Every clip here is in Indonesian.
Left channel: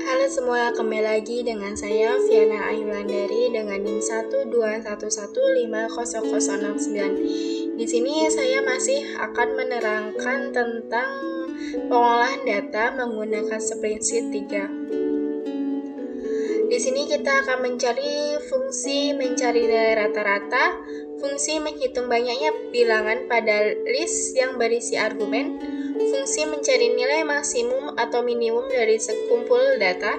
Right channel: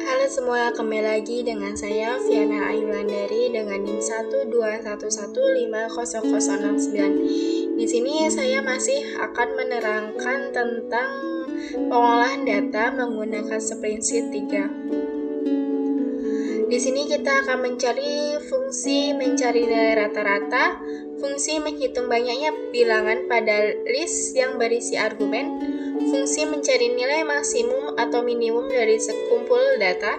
Halo semua, kembali lagi dengan saya Viana Ayulandari dengan NIM 121150069. Di sini saya masih akan menerangkan tentang pengolahan data menggunakan spreadsheet 3. Di sini kita akan mencari fungsi mencari nilai rata-rata, fungsi menghitung banyaknya bilangan pada list yang berisi argumen, fungsi mencari nilai maksimum atau minimum dari sekumpul data,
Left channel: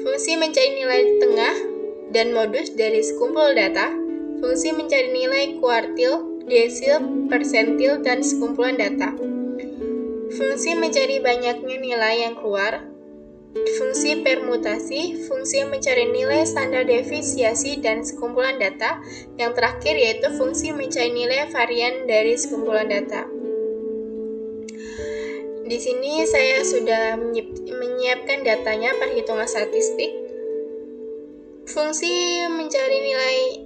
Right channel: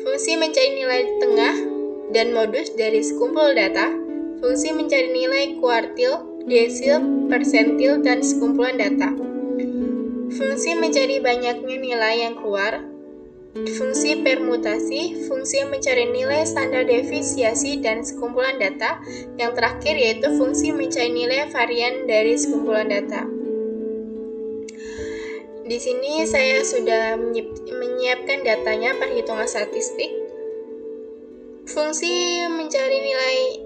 fungsi mencari nilai tengah dan modus dari sekumpul data, fungsi mencari nilai kuartil, desil, persentil, dan sekumpulan data, fungsi mencari banyaknya nilai yang keluar, fungsi permutasi, fungsi mencari nilai standar deviasi dan sekumpulan data. Yang terakhir yaitu fungsi mencari nilai varian dari sekumpulan data. Di sini saya sudah menyiapkan datanya perhitungan statistik. Fungsi mencari nilai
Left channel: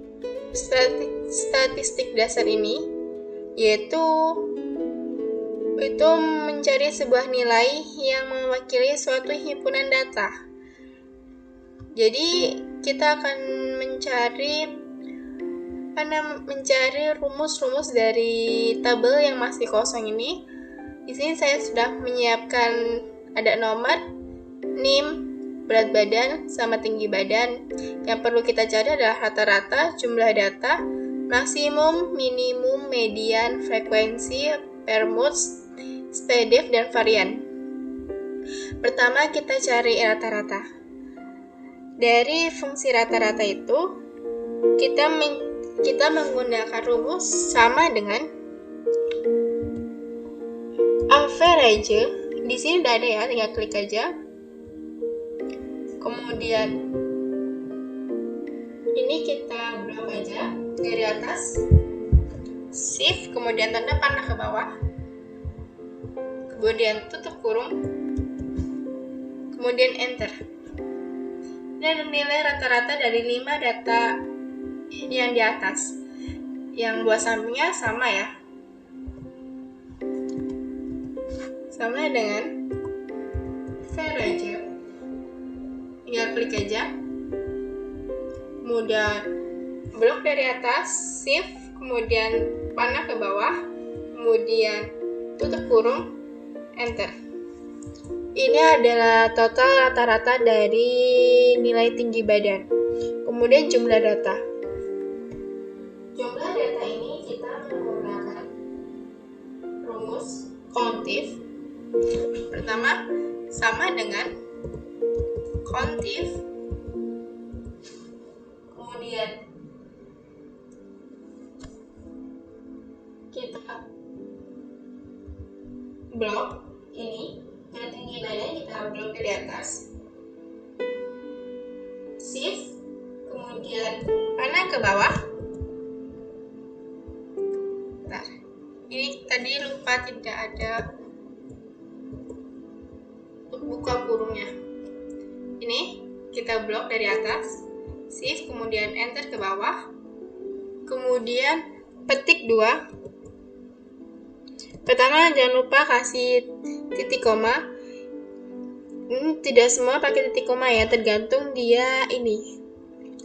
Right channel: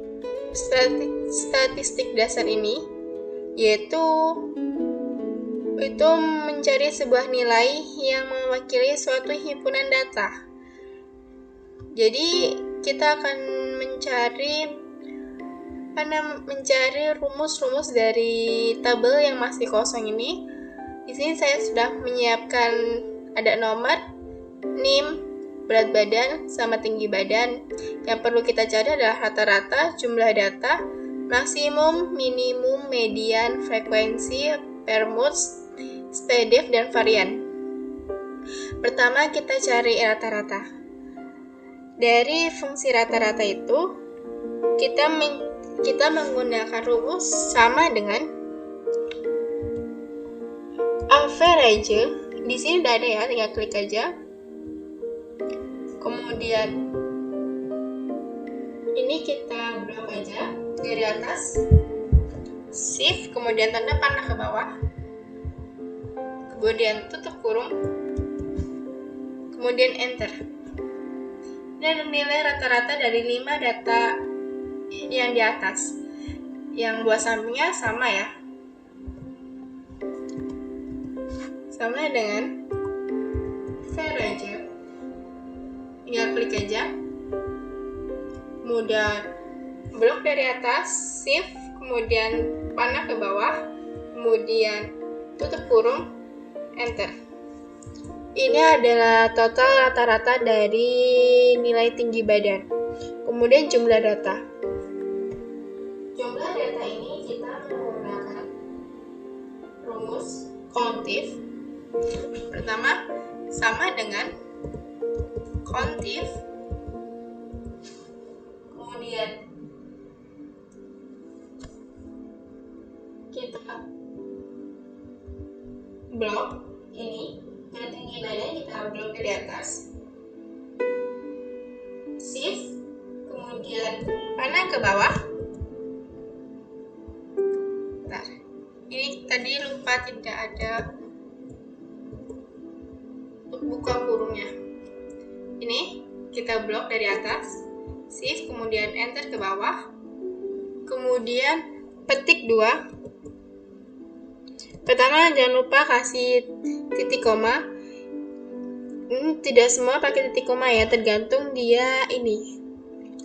statistik dasar ini yaitu mencari sebuah nilai yang mewakili suatu himpunan data. Jadi kita akan mencari rumus-rumus dari tabel yang masih kosong ini. Di sini saya sudah menyiapkan ada nomor, NIM, berat badan, sama tinggi badan. Yang perlu kita cari adalah rata-rata, jumlah data, maksimum, minimum, median, frekuensi, permut, SPDF, dan varian. Pertama kita cari rata-rata. Dari fungsi rata-rata itu kita menggunakan rumus sama dengan average. Di sini udah ada ya, tinggal klik aja. Kemudian ini kita blok aja dari atas, shift, kemudian tanda panah ke bawah, kemudian tutup kurung, kemudian enter. Ini ada nilai rata-rata dari 5 data yang di atas. Yang buah sampingnya sama ya, sama dengan average. Tinggal klik aja, kemudian blok dari atas, shift, kemudian panah ke bawah, kemudian tutup kurung, enter. Ini adalah total rata-rata dari nilai tinggi badan. Kemudian jumlah data. Jumlah data ini kita menggunakan rumus kontif. Pertama, sama dengan kontif, kemudian kita blok ini, yang tinggi badan kita blok dari atas, shift, kemudian panah ke bawah. Bentar, ini tadi lupa tidak ada buka kurungnya. Ini kita blok dari atas, shift, kemudian enter ke bawah, kemudian petik 2. Pertama jangan lupa kasih titik koma. Tidak semua pakai titik koma ya, tergantung dia ini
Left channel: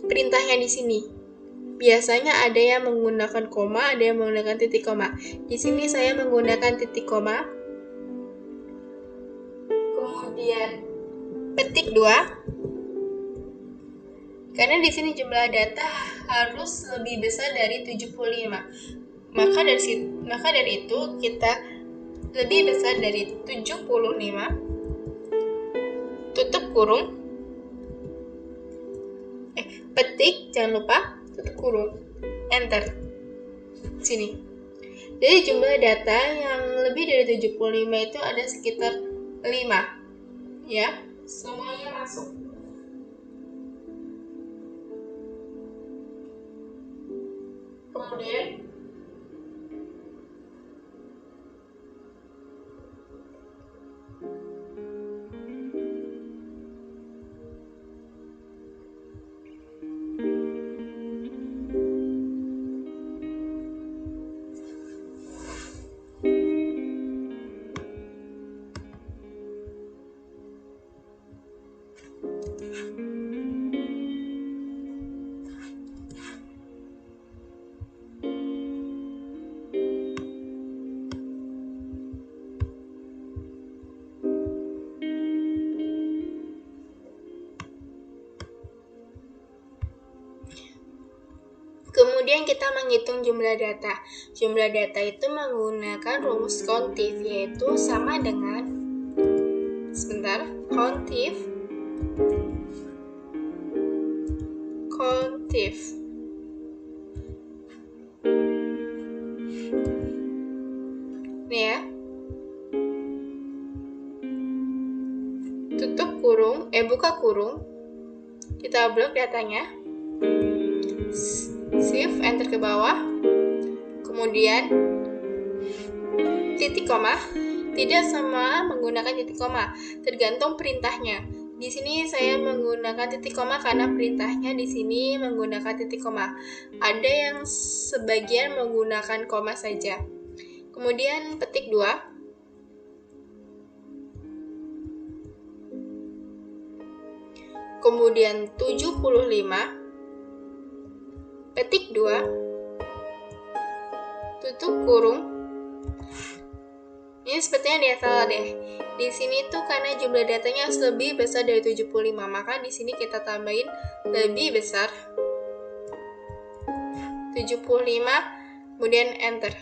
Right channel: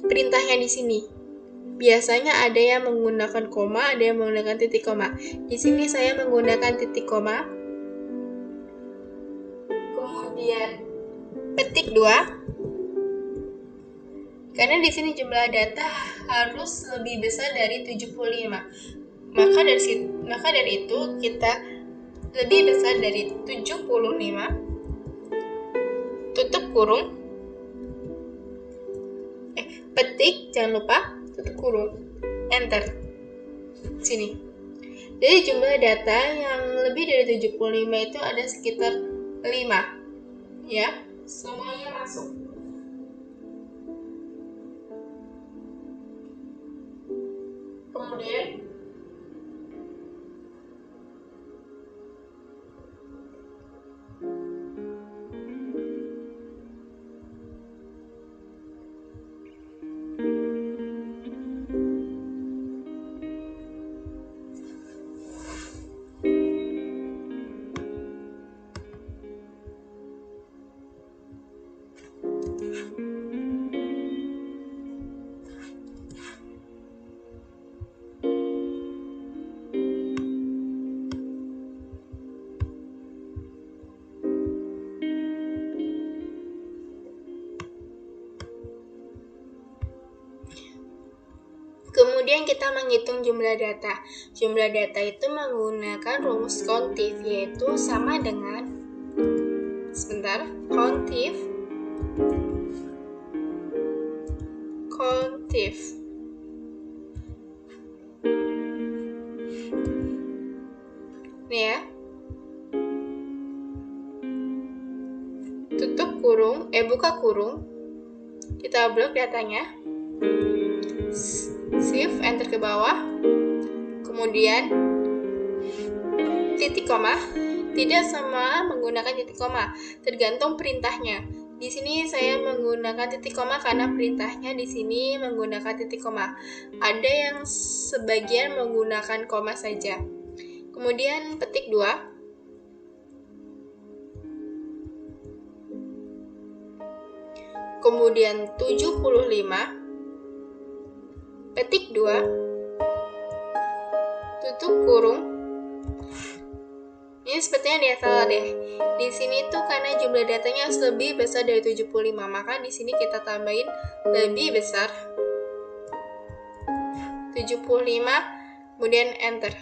perintahnya di sini. Biasanya ada yang menggunakan koma, ada yang menggunakan titik koma. Di sini saya menggunakan titik koma. Kemudian petik 2. Karena di sini jumlah data harus lebih besar dari 75. Maka dari itu kita lebih besar dari 75. Tutup kurung. Petik, jangan lupa tutup kurung. Enter. Sini. Jadi jumlah data yang lebih dari 75 itu ada sekitar 5. Ya, semuanya masuk. Kemudian Kemudian kita menghitung jumlah data. Jumlah data itu menggunakan rumus kontif, yaitu sama dengan kontif ini ya, buka kurung, kita blok datanya, shift enter ke bawah, kemudian titik koma. Tidak semua menggunakan titik koma, tergantung perintahnya. Di sini saya menggunakan titik koma karena perintahnya di sini menggunakan titik koma. Ada yang sebagian menggunakan koma saja. Kemudian petik 2. Kemudian 75, petik 2, tutup kurung. Ini sepertinya dia salah deh. Di sini tuh karena jumlah datanya harus lebih besar dari 75, maka di sini kita tambahin lebih besar 75, kemudian enter.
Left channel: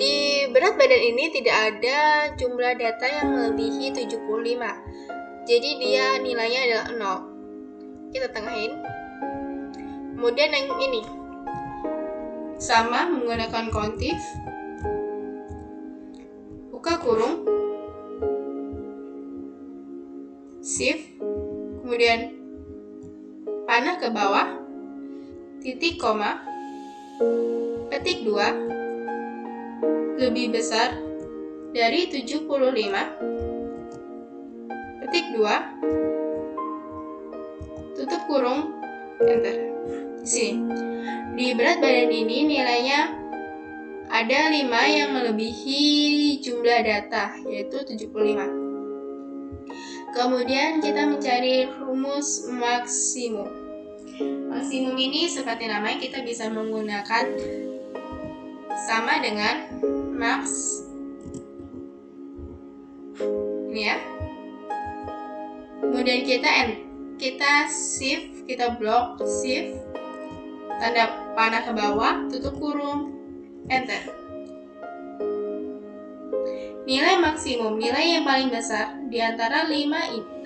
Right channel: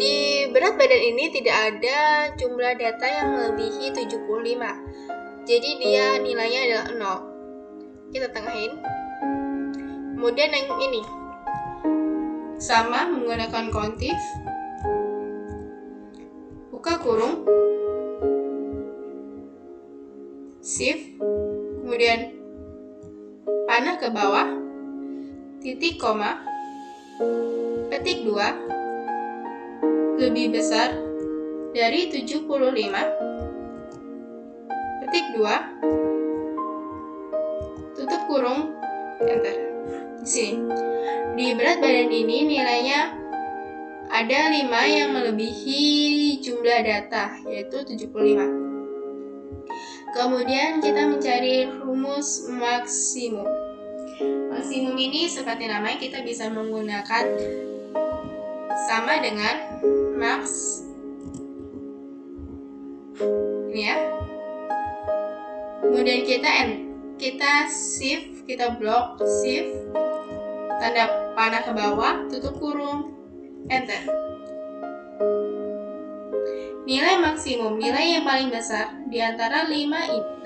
Di berat badan ini tidak ada jumlah data yang melebihi 75. Jadi dia nilainya adalah 0. Kita tengahin. Kemudian yang ini sama menggunakan kontif. Buka kurung. Shift. Kemudian panah ke bawah. Titik koma. Petik 2. Lebih besar dari 75, petik 2, tutup kurung, enter. Di sini, di berat badan ini nilainya ada 5 yang melebihi jumlah data, yaitu 75. Kemudian kita mencari rumus maksimum. Maksimum ini seperti namanya, kita bisa menggunakan sama dengan max ini ya. Kemudian kita shift, kita blok, shift, tanda panah ke bawah, tutup kurung, enter. Nilai maksimum, nilai yang paling besar di antara 5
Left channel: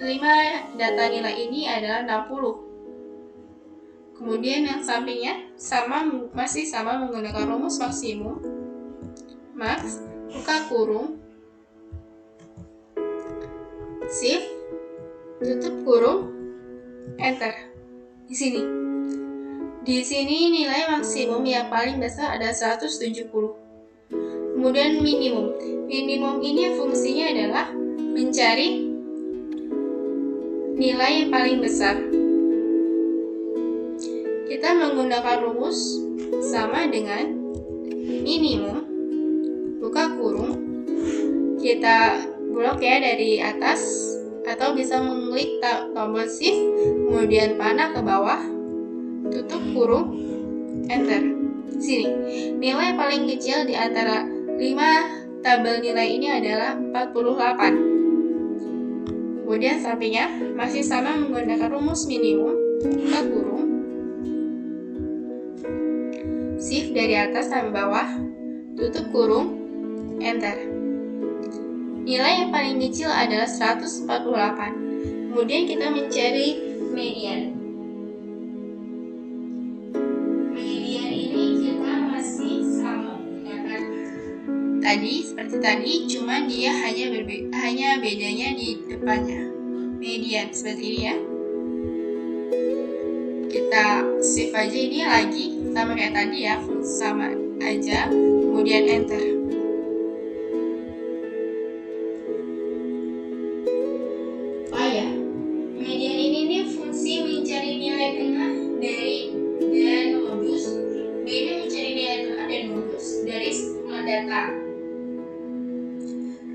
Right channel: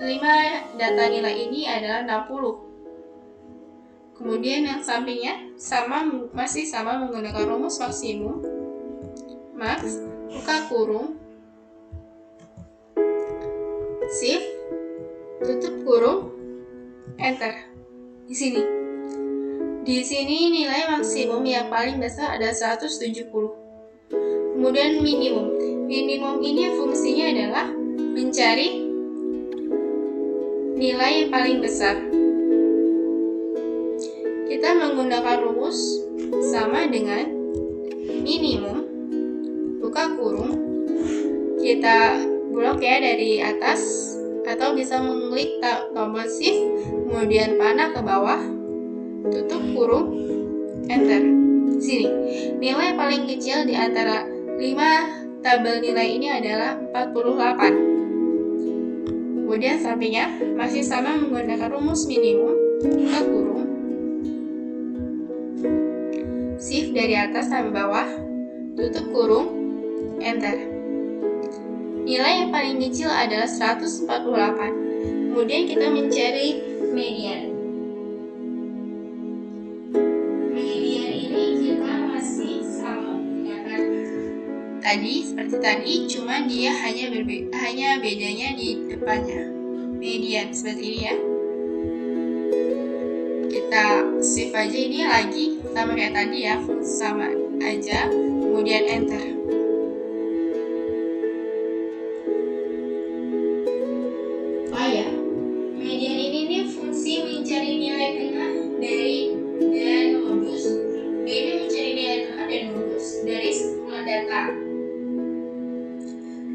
data nilai ini adalah 60. Kemudian yang sampingnya masih sama menggunakan rumus maksimum. Max, buka kurung, shift, tutup kurung, enter. Di sini nilai maksimum yang paling besar ada 170. Kemudian minimum. Minimum ini fungsinya adalah mencari nilai yang paling besar. Kita menggunakan rumus sama dengan minimum. Buka kurung, kita blok ya dari atas, atau bisa mengklik tombol shift, kemudian panah ke bawah, tutup kurung, enter. Sini, nilai paling kecil di antara 5 tabel nilai ini adalah 48. Kemudian sampingnya masih sama menggunakan rumus minimum. Buka kurung, shift dari atas sampai bawah, tutup kurung, enter. Nilai yang paling kecil adalah 148. Kemudian kita mencari median. Median ini kita masih sama menggunakan seperti tadi, cuma dia hanya bedanya di depannya. Median seperti ini ya. Kita shift aja ini lagi sama kayak tadi ya, fungsi sama aja, kemudian enter. Median ini fungsi mencari nilai tengah dan modus. Ini mencari nilai tengah dan modus dari semua data.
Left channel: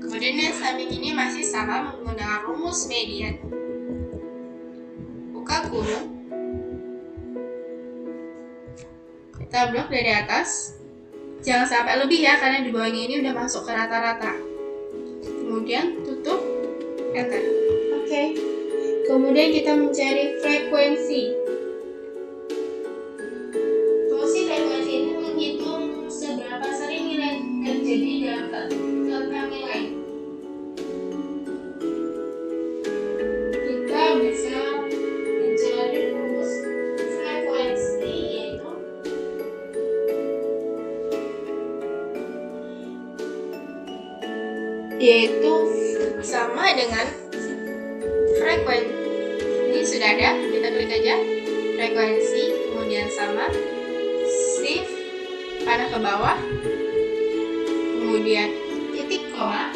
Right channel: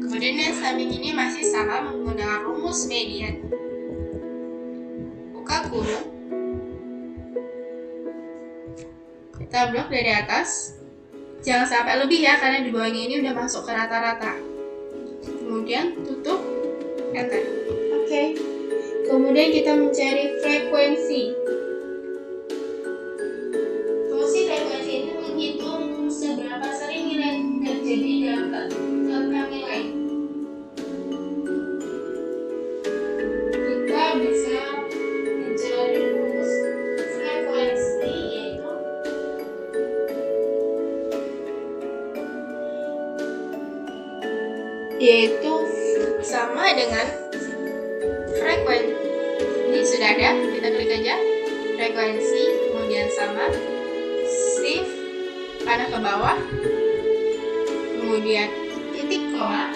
Kemudian yang samping ini masih sama menggunakan rumus median. Buka kurung. Kita blok dari atas. Jangan sampai lebih ya, karena di bawahnya ini udah masuk ke rata-rata. Kemudian tutup, enter. Oke. Kemudian kita mencari frekuensi. Fungsi frekuensi ini menghitung seberapa sering nilai terjadi dalam suatu nilai. Kita bisa mencari rumus frekuensi yaitu sama dengan frekuensi. Ini sudah ada, kita klik aja frekuensi, kemudian sama, shift panah ke bawah, kemudian titik koma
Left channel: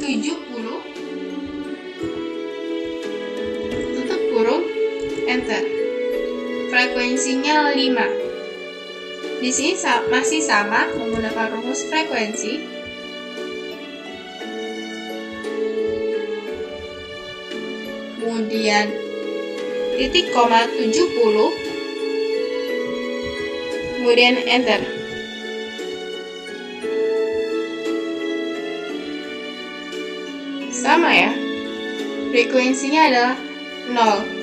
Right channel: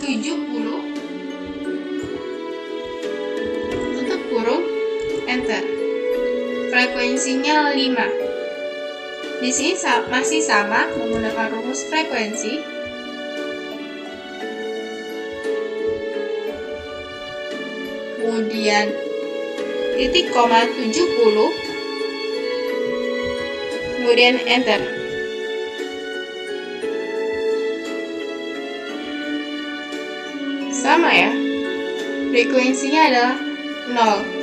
70, tutup kurung, enter. Frekuensinya 5. Di sini masih sama menggunakan rumus frekuensi. Kemudian titik koma 70, kemudian enter. Sama ya, frekuensinya adalah 0.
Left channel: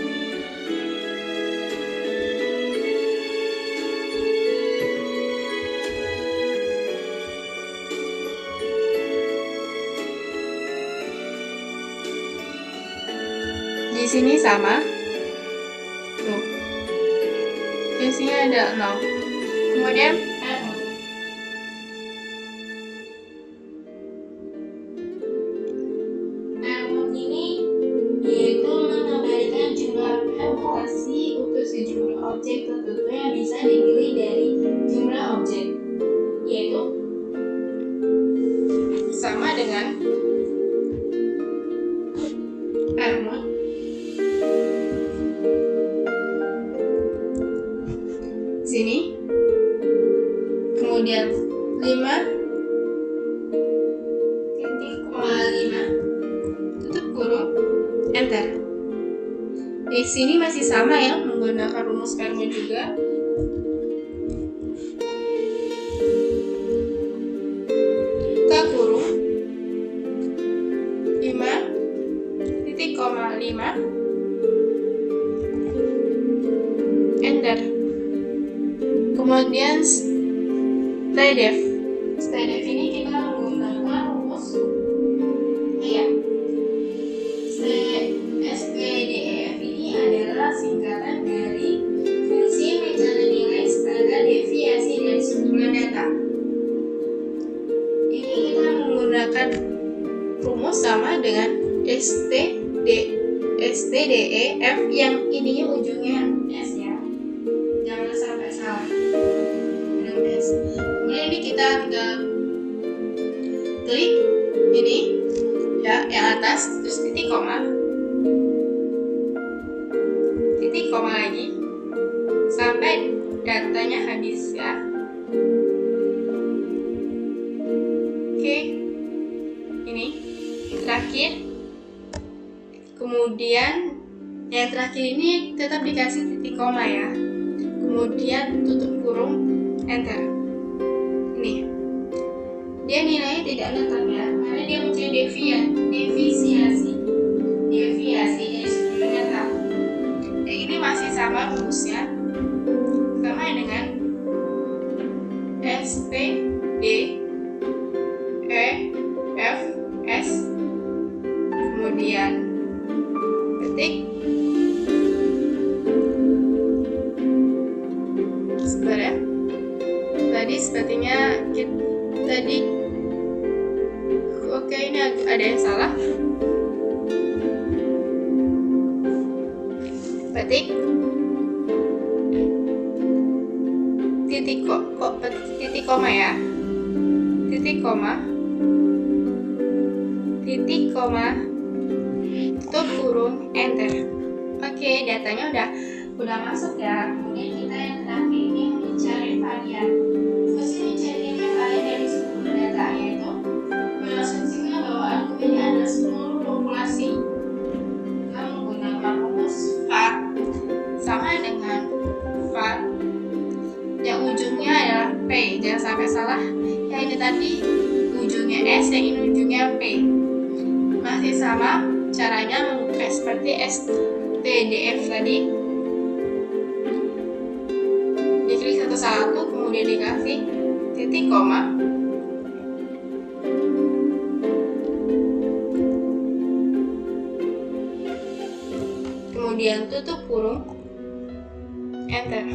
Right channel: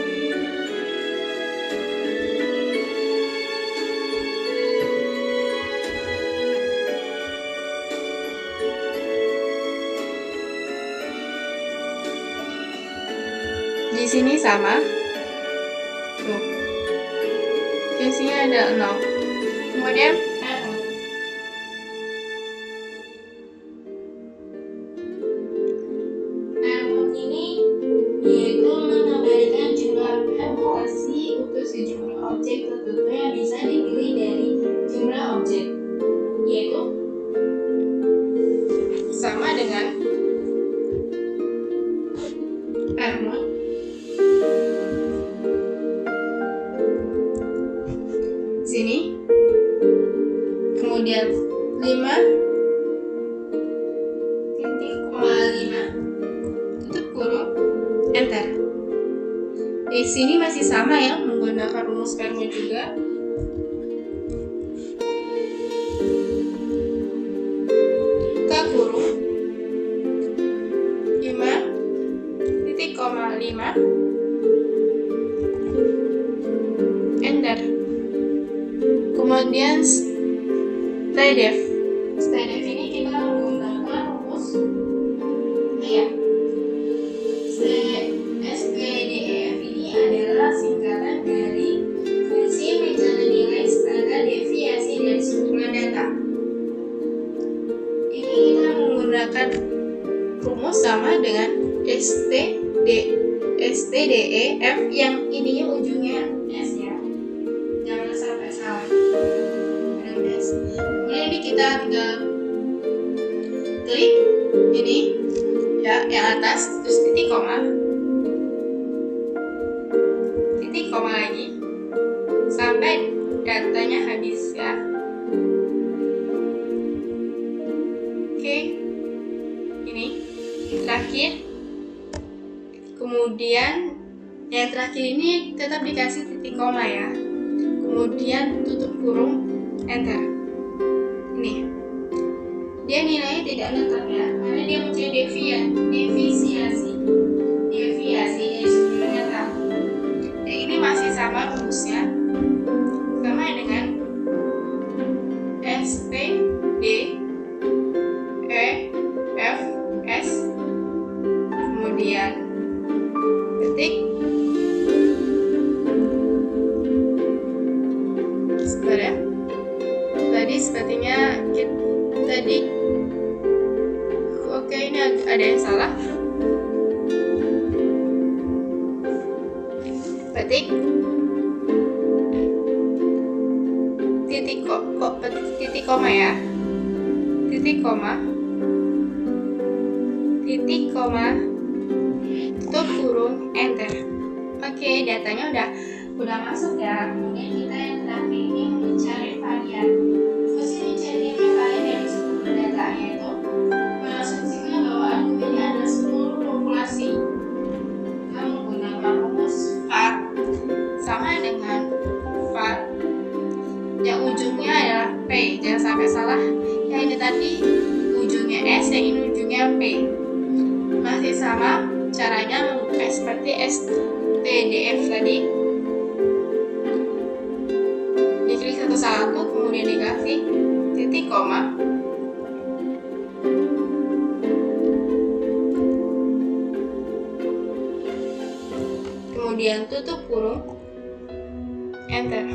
Di sini sama, tuh, frekuensinya ada 0. Kemudian Airmode ini yaitu mengembalikan jumlah permutasi untuk sejumlah objek tertentu yang bisa dipilih dari jumlah objek, yaitu sama dengan Airmode. Sini, kemudian 5,5, tutup kurung, enter. Di sini masih sama ya, menggunakan rumus Airmode juga. Buka kurung, 5,5, enter. Kemudian stay def. Stay def ini kita menggunakan rumus SPDF ini adalah singkatan dari fungsi mencari nilai standar deviasi dari sejumlah data. Ini kita menggunakan rumus sama dengan STDEF yang ininya ujungnya S ya. Jangan sampai salah. Kemudian ini kita tinggal klik ini ya, yang atas, terus titik koma lagi sampai datanya habis ya. Oke, ini terakhir. Kemudian yang terakhir ini tetap dikasih titik koma ya. Kemudian tutup kurung, enter. Ini dia nilainya tidak netap ya, karena dia mencari deviasi dari sejumlah nyata. Dan ini masih sama rumusnya, sama dengan SPDEF S, kemudian ketik, sebentar ya. Tadi sepertinya oke, ini ada yang salah. Ketik titik koma ya, titik koma tutup kurung, enter. Oke, datanya udah masuk ya. Kemudian kita yang terakhir ini mencari varian. Fungsi mencari varian dari sejumlah data, yaitu tadi ujungnya S dan ini ujungnya P. Masih sama caranya membuka seperti STDF tadi. Diklik satu-satu, kemudian dikasih titik koma. Kemudian tutup kurung, enter.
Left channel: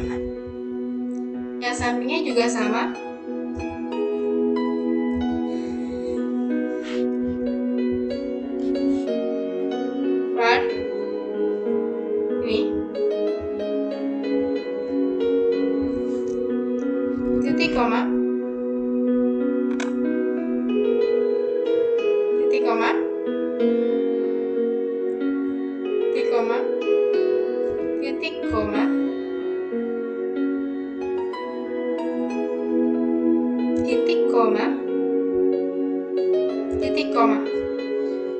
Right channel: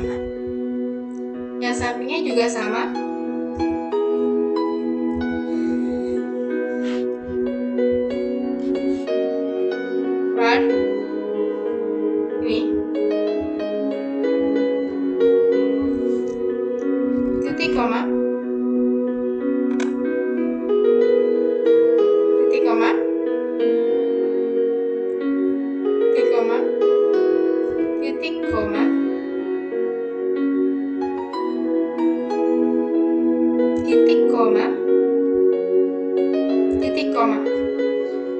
Yang sampingnya juga sama. Run. Ini. Titik koma. Titik koma. Titik koma. Titik koma. Titik koma. Titik koma.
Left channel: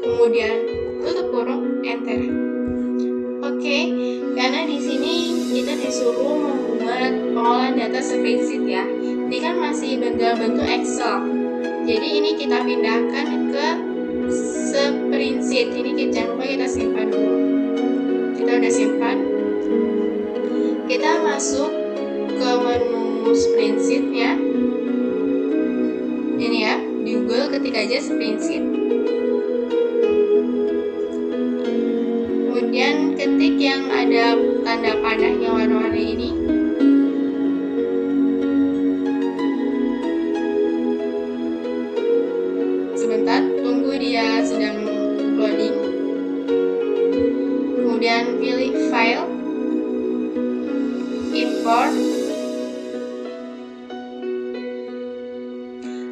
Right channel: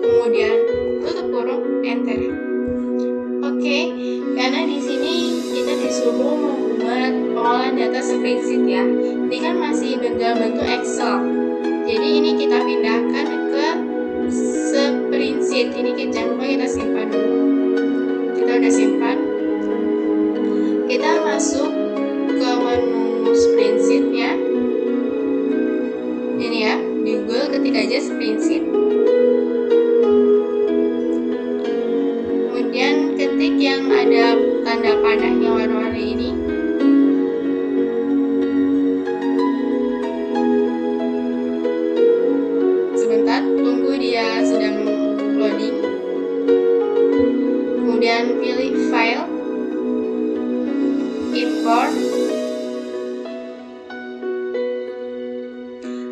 Kemudian tutup kurung, enter. Oke, karena di sini kita disuruh membuat pengolahan data spreadsheet ya. Ini kan masih dalam bentuk Excel. Jadi ini kita pindahkan ke spreadsheet. Ini jangan lupa kita simpan dulu. Kita udah simpan. Kita masuk ke menu spreadsheet-nya. Ini ya, di Google ketik aja spreadsheet. Kemudian ketik yang ada tanda panahnya warna-warni ini. Sebentar, tunggu dia sedang loading. Kemudian pilih file, import.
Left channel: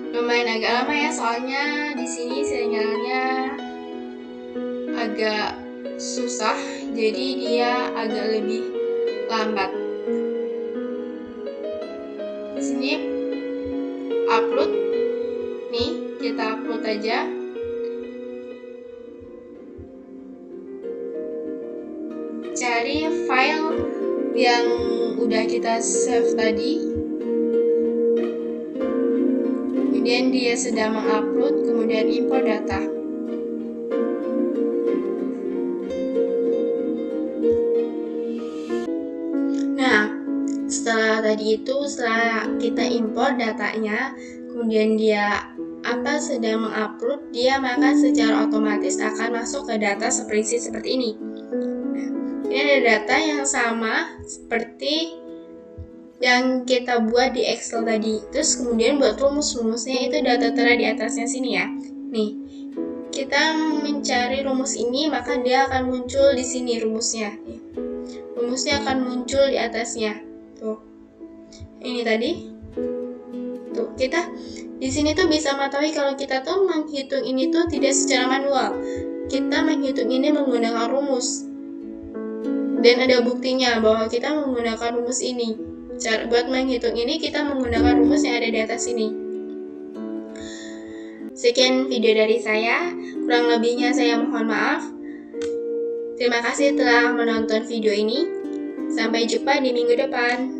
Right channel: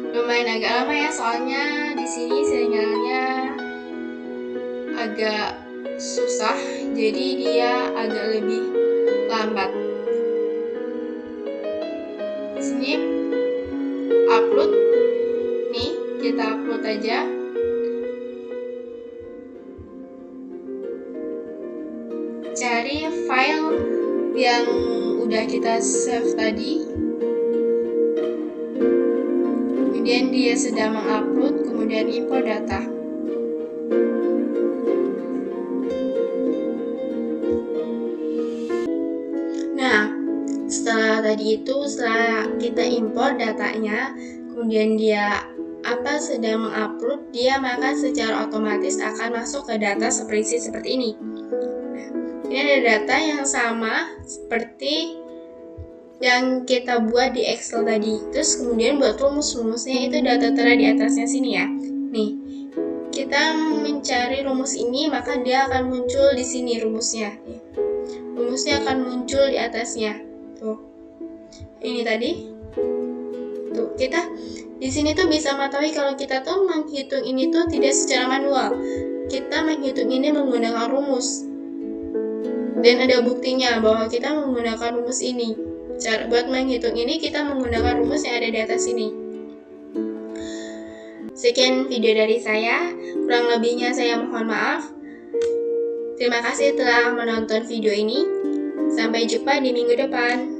Lumayan agak lama ya, soalnya di sini sinyalnya agak susah, jadi dia agak lebih lambat. Di sini upload, nih kita upload aja. Cari file yang udah kita save tadi. Kemudian dia sedang mengupload, kemudian import data. Nah, setelah kita import datanya, kemudian dia sedang mengupload, dia maka secara otomatis akan masuk ke data spreadsheet seperti ini. Ini ada data yang sama seperti yang kita buat di Excel tadi. Terus kemudian buat rumus-rumusnya itu data tera di atasnya sini ya. Nih, kita mencari rumus ini, maka dia akan muncul di sini rumusnya. Rumusnya akan muncul di atasnya. Tuh. Ini tadi. Tuh, kita di sini tuh bisa mengetahui kalau kita tuh menghitung ini tuh tidak secara manual. Kita menghitung ini menggunakan rumus. Dan ada buktinya bahwa kita menggunakan rumus ini. Buat menghitung ini kita menggunakan rumus yang ada di atas ini. Sekian video dari saya. Kurang lebihnya saya mohon maaf. Terima kasih telah menonton video ini. Sampai jumpa di minggu depan.